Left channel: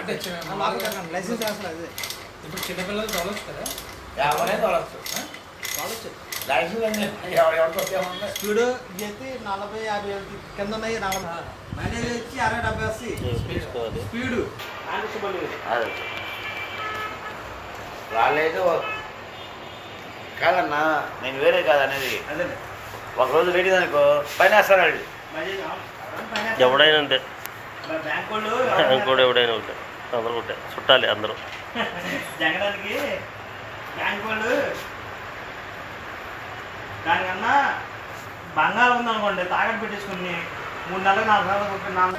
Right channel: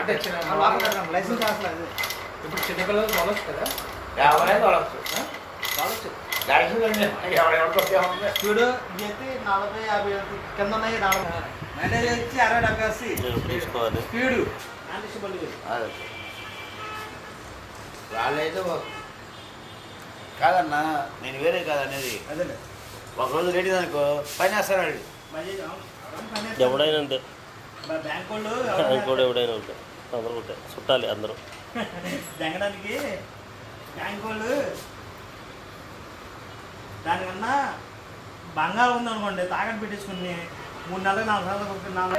అంటే లైసెన్స్ రాసలేదు. ఇప్పుడు చిన్నపిల్లలు తోలచ్చు కదా? ఎవరైనా తోలచ్చు. స్పీడ్ చేసి 40-50 కింద ఉన్నాయి. 40 మైలేజ్ వచ్చి 60-70 వస్తాయి. స్పీడ్ వాళ్ళైతే కాదన్నా, నేను వేరే కాదు అనేది. అదే ఒక రోజు రెడీ అనుకో పైన వేస్తాడు. ఎవడైనా అంతే, బ్యాంక్ వాళ్ళు ఇంకోటి ఎవడైనా ఉంటాయి. అందరూ ఉంటాయి, చుట్టాలి అందరూ జగడానికి. బ్యాంక్ వాళ్ళు దానికన్నా బంగారం ఉందనుకోండి, తాకట్టు పెట్టేసుకుని 3 నెలలు 4 నెలలు 4